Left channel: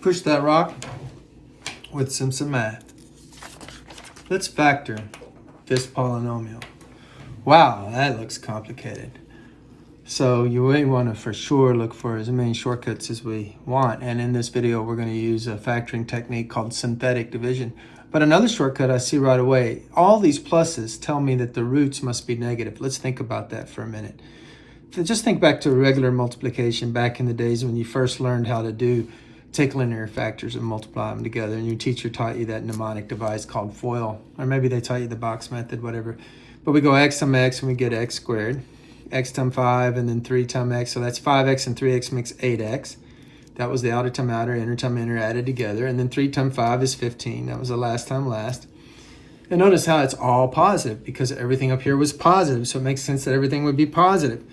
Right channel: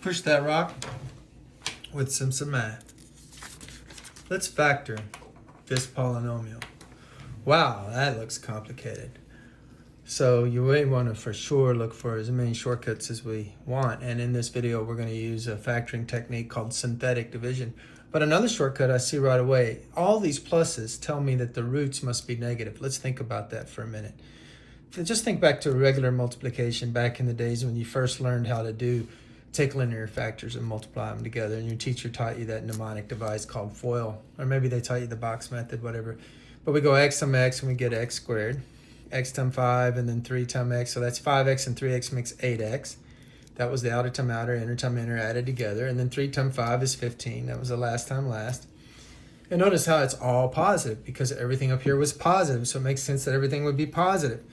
push that rock with some math. Let's factor this polynomial. Wow, that looks complicated. So you really want to for sure look for as many shortcuts as we want. And in this video, we're going to use a factoring technique called synthetic division. But another shortcut I see right away, all these pluses tell me that the roots must be negative. Let's think about that for a minute. Just think back to regular multiplication back in the days when you first learned how to take linear factors and multiply them together, and your teacher taught you that mnemonic device called FOIL, or maybe they taught you the box method, whatever. But we go x times x and we get x squared, x times 5 and then 3 times x, so that's 5x and 3x makes 8x. That was the outer times outer, inner times inner added together, and then 3 times 5 is 15. That was the last time last. And notice how it's all positive because everything up here was positive, so it makes sense that everything would be positive.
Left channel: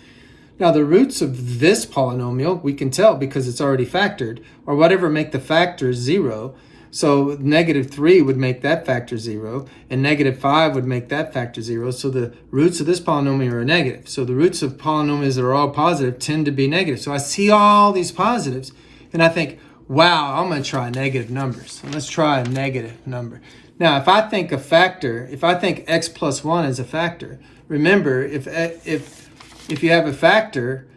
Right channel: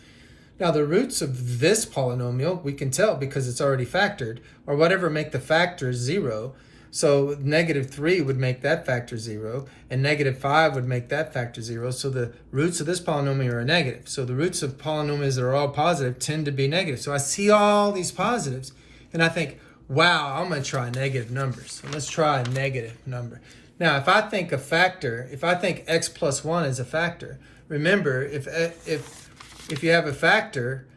Now the roots of this polynomial, we can tell because it's already factored, or whatever make the factor 0. So negative 3 would make that factor 0, and negative 5 would make that factor 0. So the roots of this polynomial are negative. So the roots of polynomials that are all positive tend to be negative. So I see all these positives, and I think, wow, I'm going to try negative numbers. So let's try a negative number. Now, if I think a factor, if I think x plus 1 is a factor, remember, if you have a factor,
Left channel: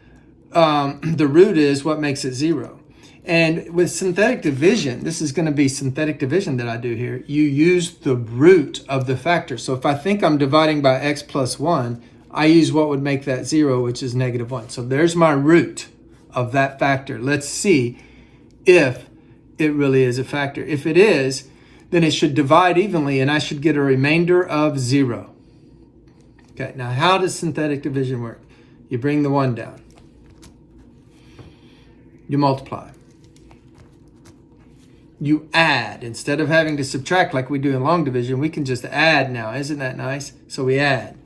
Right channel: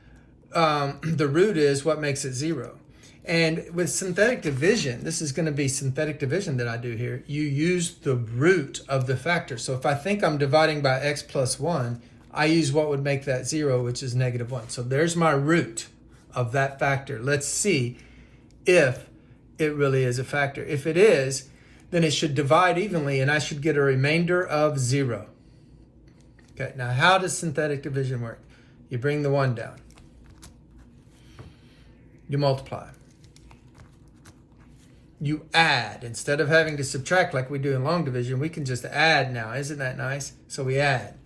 the root is what makes it 0. And with synthetic division, this is going to be synthetic division that I do here. You use the root of the factor. So if I think I'm dividing by x plus 1, I use what would make that 0, which is negative 1. So there's my root of that factor. Let's see if it really is a factor. If it is, then it should divide evenly, and I should get a remainder of 0. Okay, now how does synthetic division work? You bring the 1 down. You multiply. You add. Instead of having to subtract like we do in long division, we can just add now. Isn't that nice? So we add.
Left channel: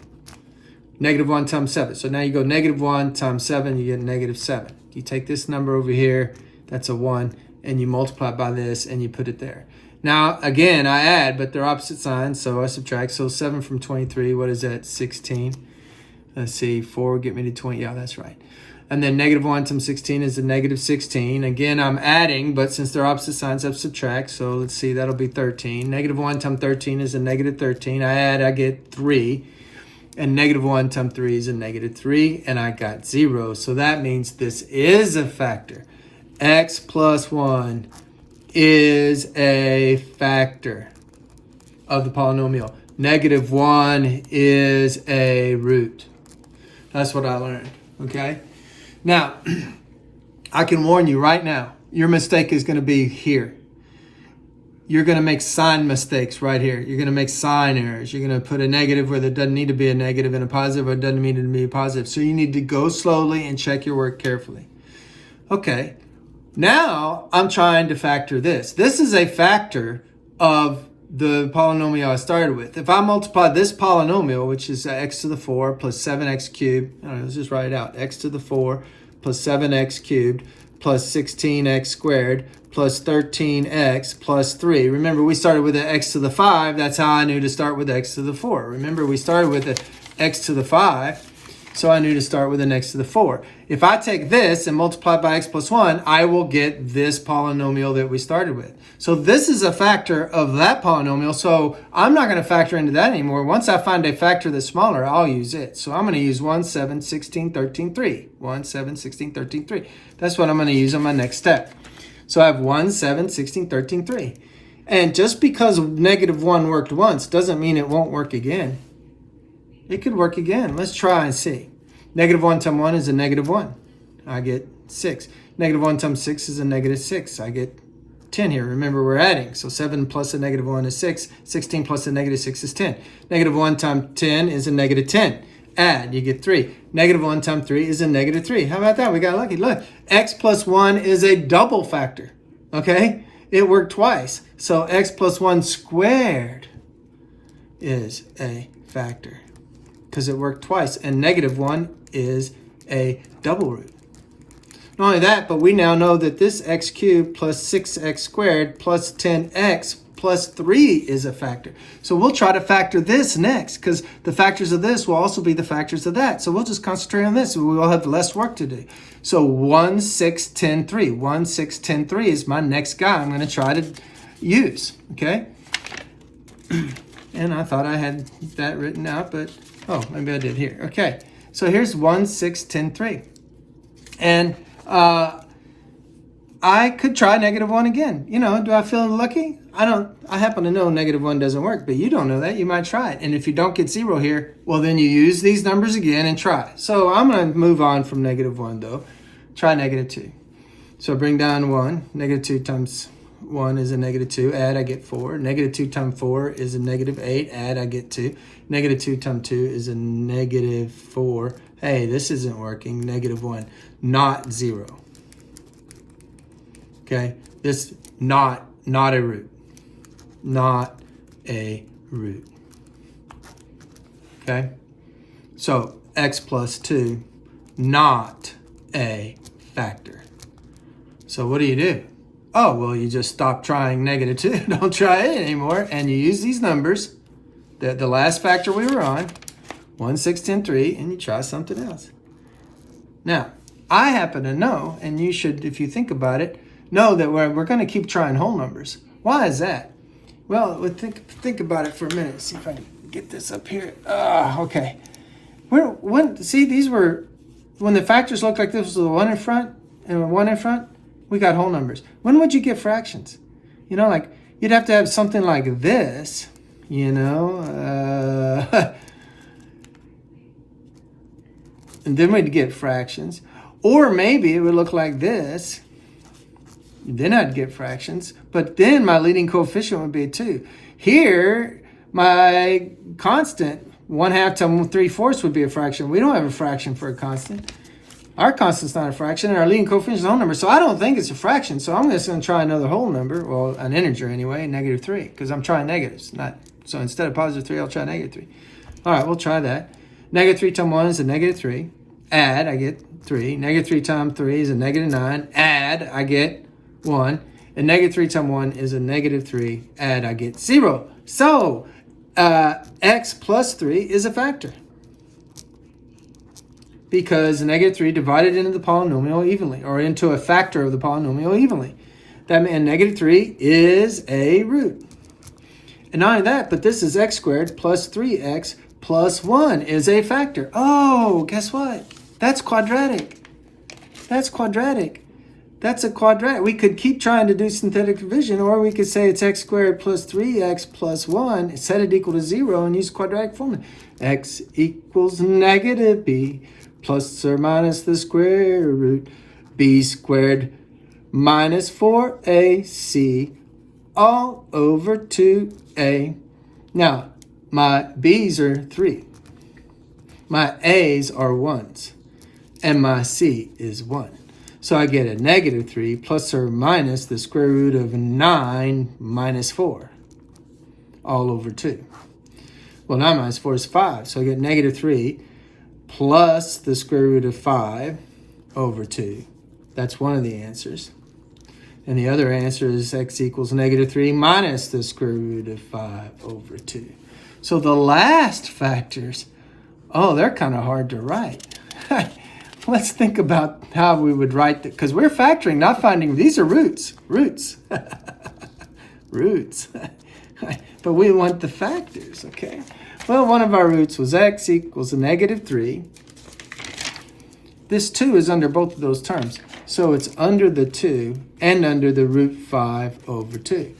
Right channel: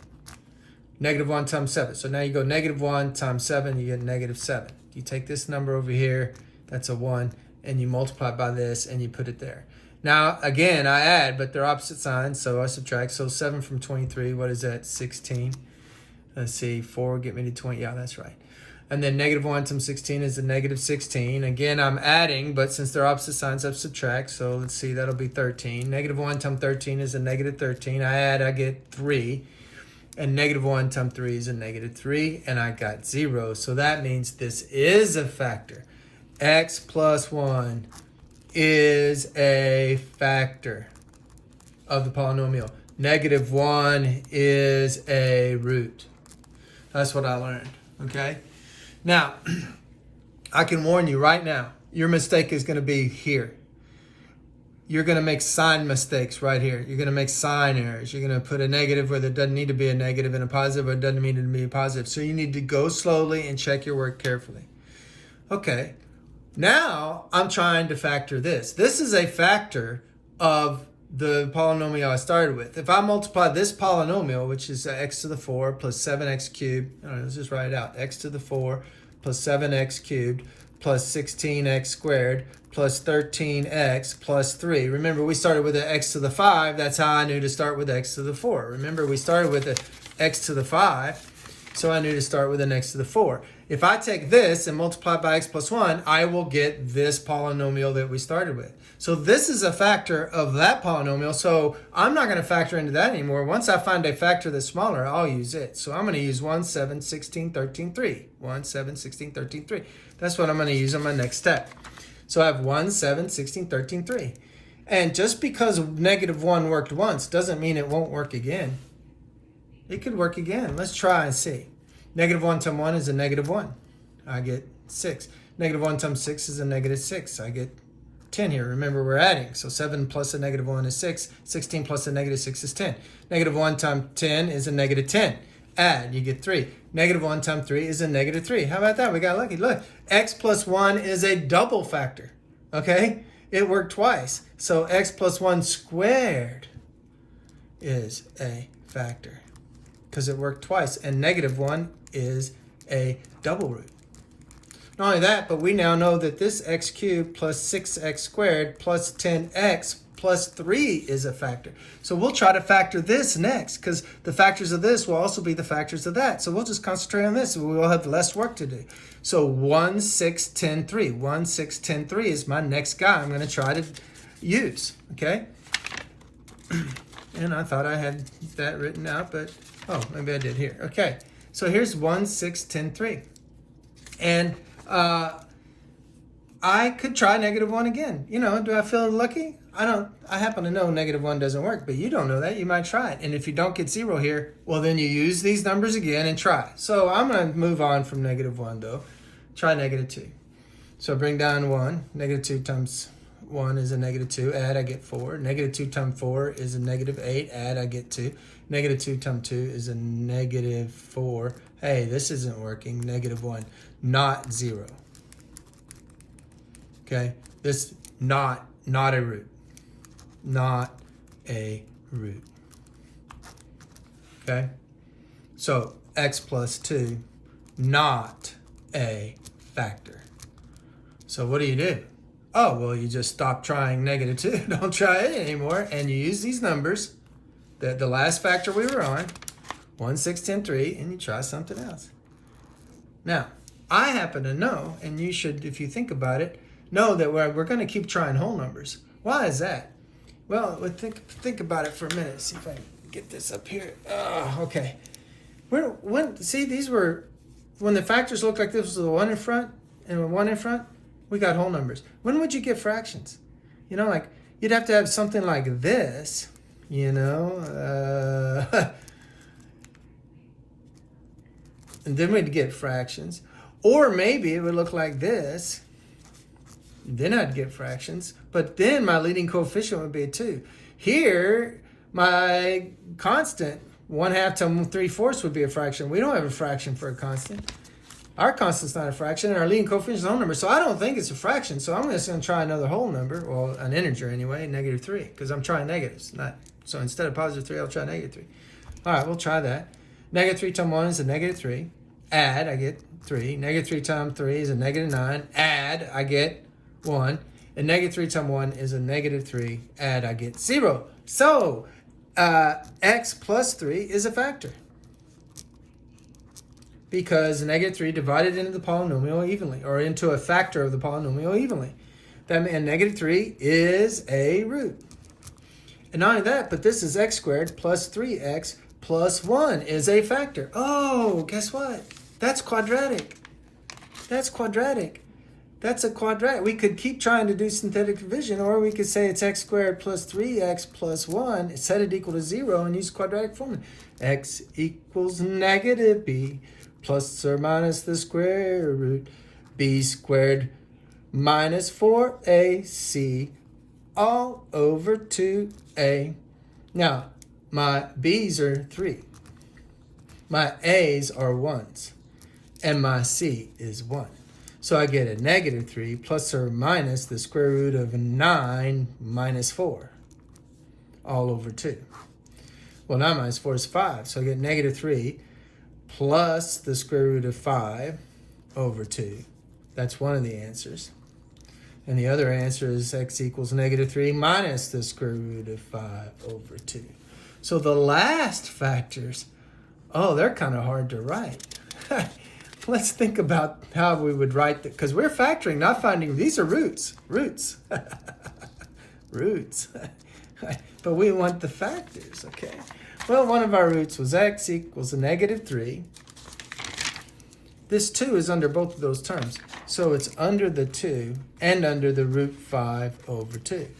Negative 1 times 7. So now you go negative 1 times 7, you get negative 7. You take this number over here, that's a 1, and you multiply by this, and you put it there. Now, again, I add, but they're opposite signs, so I subtract. So 7 from 23, what is that? 16. Let's see, 4 get me to 20. Yeah, that's right. And then negative 1 times 16 is a negative 16. Again, I'm adding, but since they're opposite signs, I subtract. So let's see, that'll be 13. Negative 1 times 13 is a negative 13. I add, I get 3. And negative 1 times 3 is a negative 3. And I got 0. So that means this is a factor. X plus 1 is a factor of the polynomial. Negative 1 is a root. That's what I learned, okay? Now, I can warn you right now, your mistake is going to be here. You're going to make sign mistakes right here. You're going to make sign errors. You're going to put a negative where there doesn't need to be a negative and a positive where it doesn't need to be a positive. So you need to go slowly and check your work carefully. Okay, now I'm trying to factor this. This is a factor of the polynomial I started with. If I multiply this polynomial, which is x to the 4 plus 7x cubed, let's just write it out, x to the 4 plus 7x cubed plus 16x squared plus 13x plus 3. Remember, we started with the x to the 5. That's how I knew to start with x to the 4. Remember, we started with the x to the 5, so I knew to start with an x to the 4. If I take this and multiply by x plus 1, I will get this polynomial that we started with. So this is a factor of that polynomial, so I'm not going to factor into that anymore. Once I find a factor that's smaller, I'll use it. So I'm going to use 1, 7, 16, 13, 3. 1, 7, 16, 13, 3. That's what I'm going to use on my next step. So I have 1, 7, 16, 13, 3. And just because negative 1 worked once doesn't mean it won't work again. It could work again. Let's try and see. Negative 1 times 1 is a negative 1. I get 6. Negative 1 times 6 is a negative 6. I get 10 here. Remember, we're adding. So 7 plus a negative 1 is 6. 16 plus a negative 6 is 10. Negative 1 times 10 is a negative 10. Add, you get 3. Negative 1 times 3 is a negative 3. How about that? We got lucky. Look, x plus 1 is a double factor. Okay? It worked twice. So x plus 1 squared is a factor because it worked twice. And negative 1 is a double root. Not only that, but we now know that this x cubed plus 6x squared plus 10x plus 3 is a factor. So we'll try to factor this next, because the factors of this will also be the factors of that. So we'll just concentrate on this, and we will have less work to do. So 1, 6, 10, 3. 1, 6, 10, 3 is my next guy I'm going to try to use, okay? And I thought I had that written out, but, oh, maybe I did here. Okay, so here's 1, 6, 10, 3. And I could try -1 again. You know, do I feel lucky? I happen to know -1 doesn't work, but you don't know that. You might try it. And if you don't get 0 here, well, then you use these numbers again and try. So I'm going to move on from -1, though. Try -2. So bring down 1. -2 times 1 is a -2. Add, I get 4. -2 times 4 is a -8. Add, I get 2. -2 times 2 is a -4. Hey, this isn't working. -1, not 0. Okay, this not a root. Not a root. Okay, so x plus 2, not a factor. So what do? Oh, well, you just stop trying -2. Don't try it anymore. And you use these numbers, the last factor we were on, 1, 6, 10, 3, and you try something else. Now, I happen to know, and you should, if you think about it, know that we're going to keep trying whole numbers. Why is that? Well, think about it for a minute. See if I can get this up here. Okay. See, these were, when the factors looked like this was the 1 in front and 1 in front, we got whole numbers. When would you get fractions? You know, like, you'd have to have something like this, you know. And then we'd get fractions. Or maybe it would look like this. Then I'd get fractions, but then my leading coefficient would be a 2. Here, my constant, 1/2 times 3/4 would be a fraction. We don't have a fraction for a constant. Our constant's not a fraction, and our leading coefficient is a whole number, so I don't think it's a fraction, so I'm just going to try another whole number, well, an integer anyway, -3, because I'm trying negatives. So instead of +3, I'll try -3. All right, we'll try that. -3 times 1 is a -3. Add, I get 3. -3 times 3 is a -9. Add, I get 1, and -3 times 1 is a -3. Add, I get 0. So x plus 3 is a factor, because -3 divided into the polynomial evenly, or into a factor of the polynomial evenly. That means -3 is a root. And not only that, but this is x squared plus 3x plus 1 is a factor. Oh, guess what? That's quadratic. That's quadratic. That's a quadratic. We could keep trying to do synthetic division, or we could say it's x squared plus 3x plus 1, set it equal to 0, and use quadratic formula. X equals -b plus or minus the square root b squared minus 4ac all over 2a. Now, my b's are 3. My a's are 1s. And my c is 1. So I get a -3 plus or minus the square root of 9 minus 4 all over 2. Well, 9 minus 4 is 5. So I get -3 plus the square root of 5 over 2. That's one of the answers. And the other answer is x equals -3 minus the square root of 5 over 2. So the last factors, oh, they're kind of hard to write. Let's think about how we would write that, because we're factoring, not finding. These are roots. Roots. Roots. But we want the factors, okay? Well, one of our roots was x equals a -3. This 2 is under both of those terms. So it's under the 2 and under the root 5 over 2.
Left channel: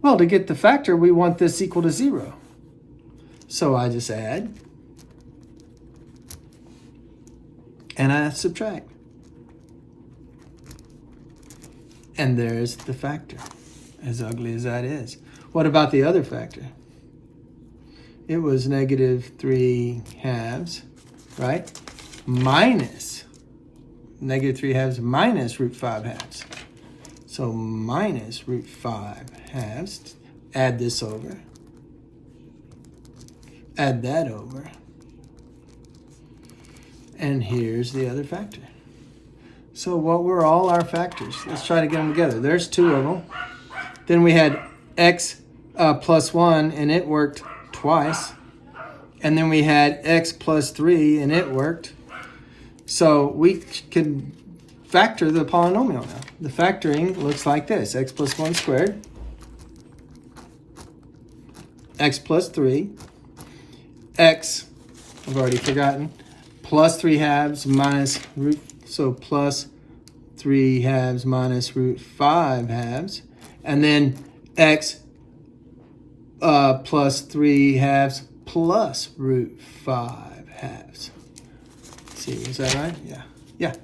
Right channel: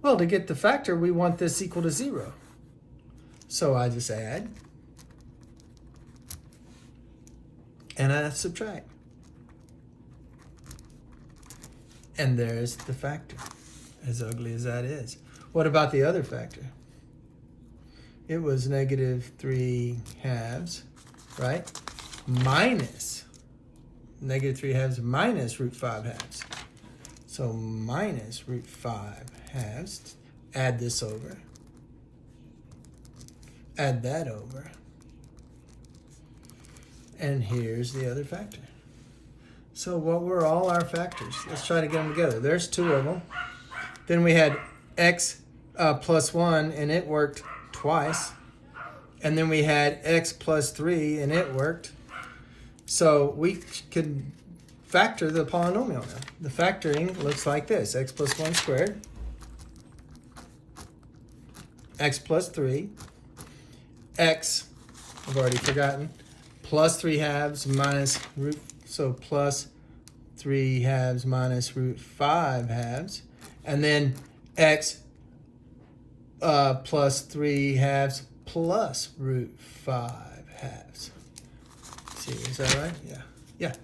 Well, to get the factor, we want this equal to 0. So I just add. And I subtract. And there's the factor, as ugly as that is. What about the other factor? It was -3/2, right? Minus, -3/2 minus root 5/2. So minus root 5/2. Add this over. Add that over. And here's the other factor. So what were all our factors? Let's try to get them together. There's 2 of them. Then we had x plus 1, and it worked twice. And then we had x plus 3, and it worked. So we could factor the polynomial now. The factoring looks like this. X plus 1 squared, x plus 3, x, I've already forgotten, plus 3 halves minus root, so plus 3 halves minus root 5 halves, and then x plus 3 halves plus root 5 halves. See, is that right? Yeah. Yeah.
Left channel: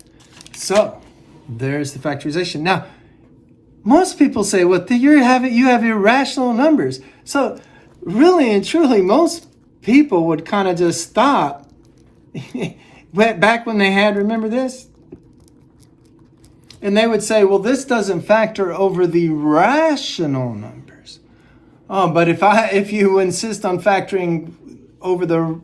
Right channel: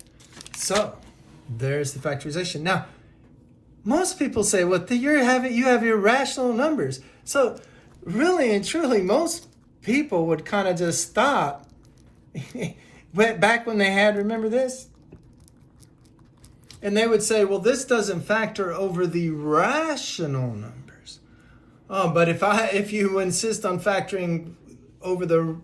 So there's the factorization. Now, most people say, well, you have irrational numbers. So really and truly, most people would kind of just stop. Back when they had, remember this? And they would say, well, this doesn't factor over the rational numbers. Oh, but if you insist on factoring over the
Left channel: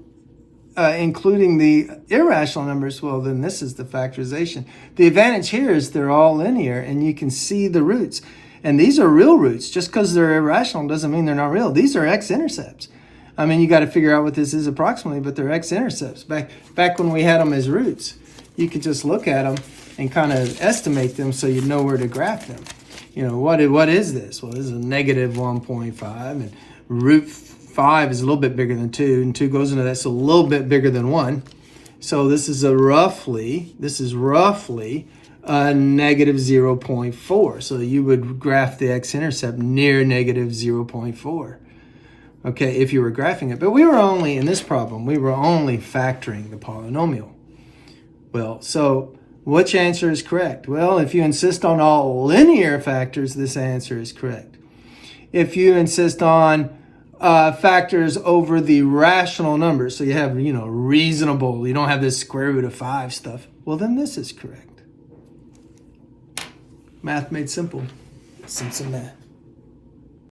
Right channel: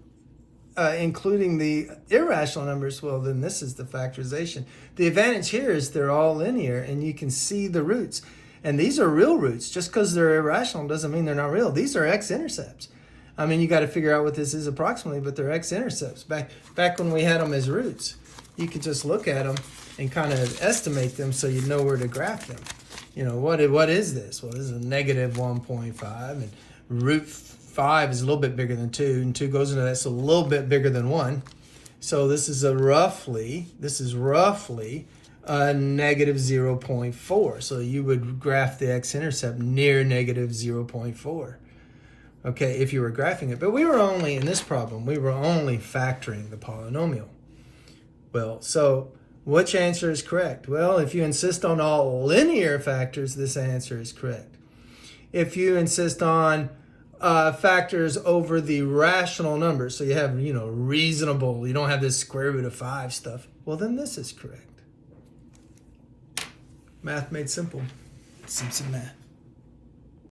including the irrational numbers, well, then this is the factorization. The advantage here is they're all linear, and you can see the roots. And these are real roots. Just because they're irrational doesn't mean they're not real. These are x-intercepts. I mean, you got to figure out what this is approximately, but they're x-intercepts. Back when we had them as roots, you could just look at them and kind of estimate them so you know where to graph them. You know, what is this? Well, this is a negative 1.5, and root 5 is a little bit bigger than 2, and 2 goes into that, so a little bit bigger than 1. So this is roughly negative 0.4. So you would graph the x-intercept near negative 0.4. Okay, if you were graphing it. But we were only, in this problem, we were only factoring the polynomial. Well, so which answer is correct? Well, if you insist on all linear factors, this answer is correct. If you insist on factors over the rational numbers, so you have, reasonable, you don't have this square root of 5 stuff, well, then this is correct. Math made simple. Simpson math.